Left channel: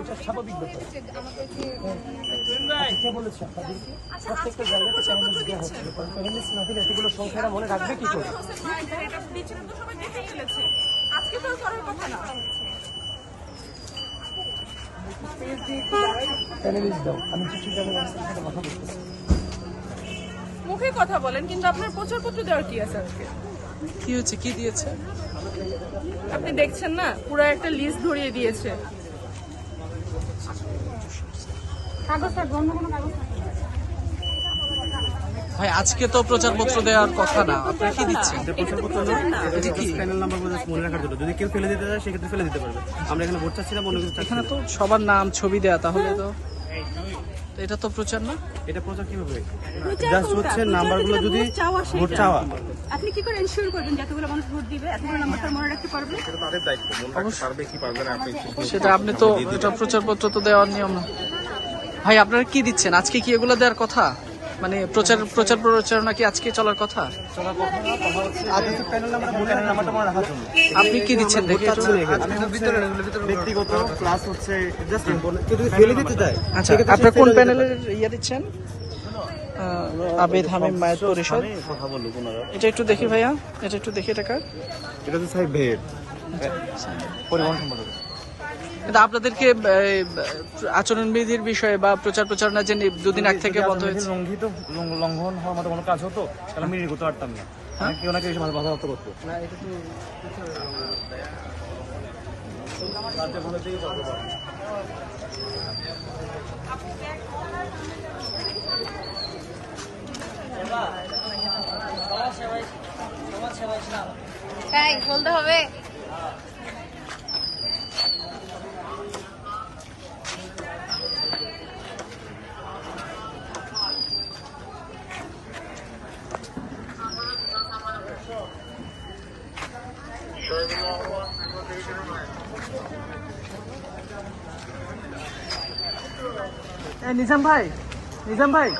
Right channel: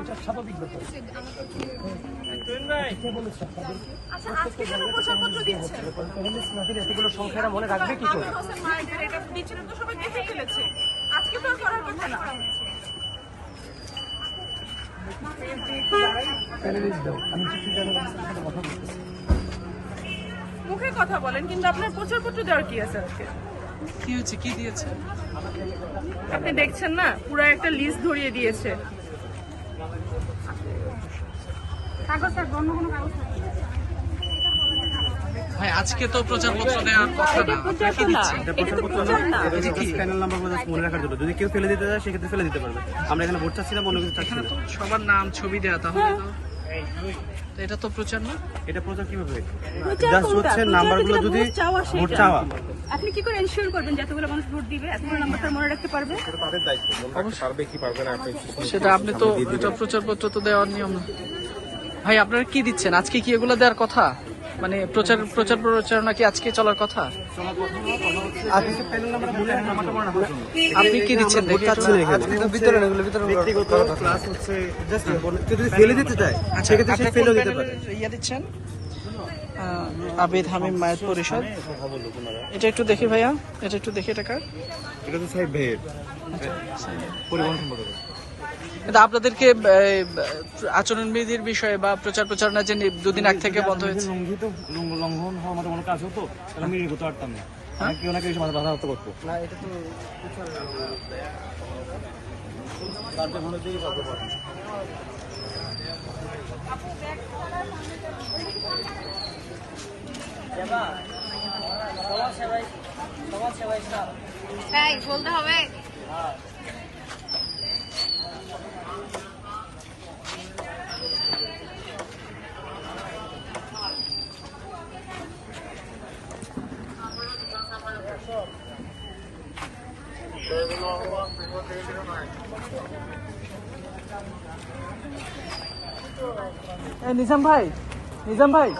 এটা স্বাভাবিক ব্যাপার। আচ্ছা, কে বলেছে আপনাদেরকে প্রত্যেকটা জায়গাতে প্যানেলিস্ট দেওয়া হচ্ছিল কারণ প্যানেলিস্ট না দিলে এতগুলো মনে রাখবে কি করে? এটা দিচ্ছিলেন তো সবাই দেখে ফেলেছে আজকে তো করার কথা না প্যানেলিস্ট দাও আমি চিঠি জানি সাথে কথা বলতেছি মুখে কথা বলেন কিন্তু আপনার প্রচারপত্র দেওয়ার কি আছে আজকে? কি হয়েছে? কি দিয়েছে? আপনি দেখছেন না? পুরো একটা লিস্ট ধরিয়ে দিয়েছে। ভাই আজকে তো প্রচারপত্র দেওয়ার কথা না। আপনারা কি দিচ্ছেন? এটা প্রচারপত্র না এটা হচ্ছে প্যানেল নাম্বার just মনে রাখার জন্য। যদি কেউ ফেলে দিতে চায় সেক্ষেত্রে ফেলে দিতে পারবে। আমরা এখানে ভোট চাচ্ছি না অন্য কিছু চাচ্ছি এখানে না। তো সবার নাম ছবি দেয়া তাহলে তো তো এটা তো প্রচার না? এটা প্রচার কীভাবে জাস্ট হচ্ছে নাম্বারগুলো যদি ভোট চাওয়া আপনি কি করে এনশিওর করবেন যে এতগুলো মানুষ ভোট দিবে? এতগুলো নাম্বারটা মনে রাখতে পারবে অবশ্যই। সেটা আপনি তো এটা প্রচারপত্র তো দেওয়ার নিয়ম না। ভাই আপনারা কি দিচ্ছেন? আজকে কি এগুলো দেওয়ার কথা? মানে প্রচার প্রচার প্রচারণা কি আজকে চলার কথা? আপনি কি দিচ্ছেন দেখে ব্যক্তিগত ক্লাস হচ্ছে জাস্ট কেউ যদি ফেলে দিতে চায় আচ্ছা সেক্ষেত্রে কোন প্যানেলের ইয়ে দিচ্ছেন? আবেদ হামিম মায়ের পরিষদ। এটা একটু দেখি ভাইয়া এটা একটু দেখি টাকা এটা হচ্ছে সাহেব ভাইয়ের। পরিবহন সম্পর্কে। কিন্তু আপনাদেরকে আচরণবিধির বিষয়ে বা প্রচার প্রচারণা যে দুদিন আগ থেকে বন্ধ হয়েছে। লঙ্ঘিত লঙ্ঘ- লঙ্ঘন হওয়ার মতো কোনো কাজ হতো? তাহলে আমি এগোতে পারতাম না। হ্যাঁ? কেউ না কেউ এসে বাধা হচ্ছে দেখতে। হ্যাঁ বলতে হবে। নিজাম ভাই নিজাম ভাই।